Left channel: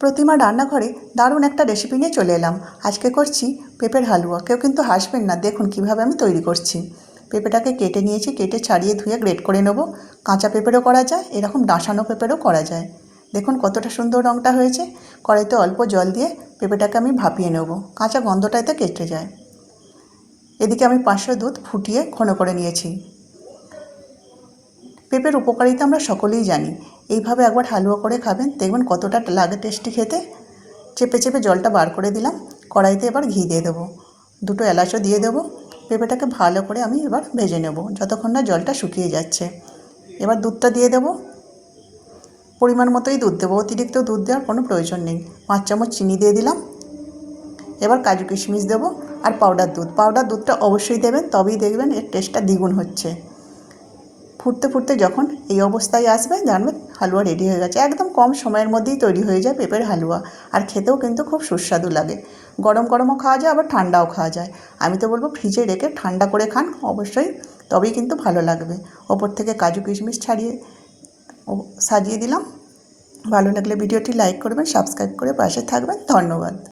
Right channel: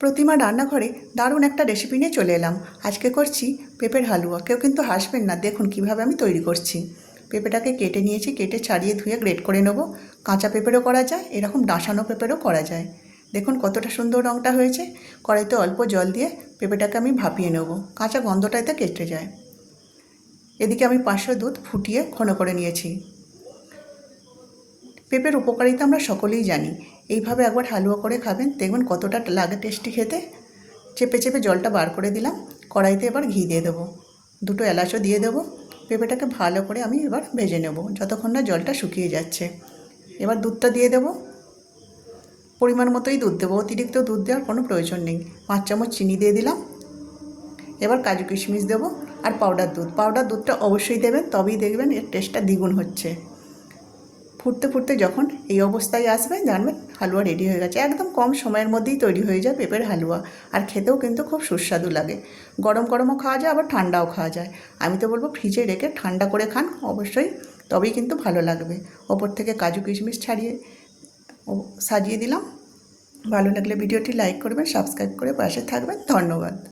প্রতিমা রান্নাঘরে দারুণ একটা রেসিপি নিয়ে চলে এলাম। আজকে করছি পেঁপের হালুয়া। কেউ কিন্তু হাসবেন না, দেখুন কিভাবে আমি তৈরি করছি। পেঁপেটাকে কেটে নিয়েছি, কেটে ছাড়িয়ে ধুয়ে গ্রেট করে নেব। কাঁচা পেঁপেরও করা যায়, এরকম ডাঁসানো পেঁপেরও করা যায়। দেখুন কতটা সুন্দর রঙটা হয়েছে। কড়াইতে অল্প জল দিয়ে পেঁপেটাকে আমি ভাপিয়ে নেব, কাঁচা গন্ধটা এতে কেটে যায়। এদিকে আমি 500 দুধ ফুটিয়ে ঘন করে নিয়েছি। পেঁপের উপকারিতা আমরা সকলেই জানি। এইভাবে একবার হালুয়া করে খাবেন, দেখবেন কতটা লাগে টেস্টি খেতে। চেপে চেপে জলটা বার করে দিলাম। কড়াইতে এবার ঘি দিয়ে দেবো, 2টো এলাচও দিয়ে দেবো। পেঁপেটাকে ভালো করে আমি এবার ভেজে নেব যতক্ষণ না জলটা শুকিয়ে যাচ্ছে। এবার দুধটা দিয়ে দেবো, পরিমাণ মতোই দুধ দেবো, অতিরিক্ত দুধ দেওয়ার কোনো প্রয়োজন নেই। 5 চামচ চিনি দিয়ে দিলাম। এবার কাজু কিশমিশ দেবো আর পাউডার দুধটা অবশ্যই দেবেন, তবেই দেখবেন এর টেস্টটা দ্বিগুণ হচ্ছে। ফুটতে ফুটতে যখন এই অবস্থায় আসবে, জানবেন হালুয়া রেডি হয়ে গেছে। একদম কম সময়ের মধ্যেই তৈরি হয়ে যায় পেঁপের হালুয়া, আর খেতেও কিন্তু খুব সুস্বাদু লাগে। গরম গরমও খাওয়া যায়, আবার ঠান্ডাও খাওয়া যায়। আমি তো বলবো ফ্রিজে রেখে ঠান্ডা করে খান অবশ্যই, তবেই কিন্তু ভালো লাগবে। ওপর থেকে কাজু কিশমিশ ছাড়িয়ে সাজিয়ে দিলাম। ভালো লাগলে ভিডিওটি লাইক করবেন, সাবস্ক্রাইব করে পাশে থাকবেন। ধন্যবাদ।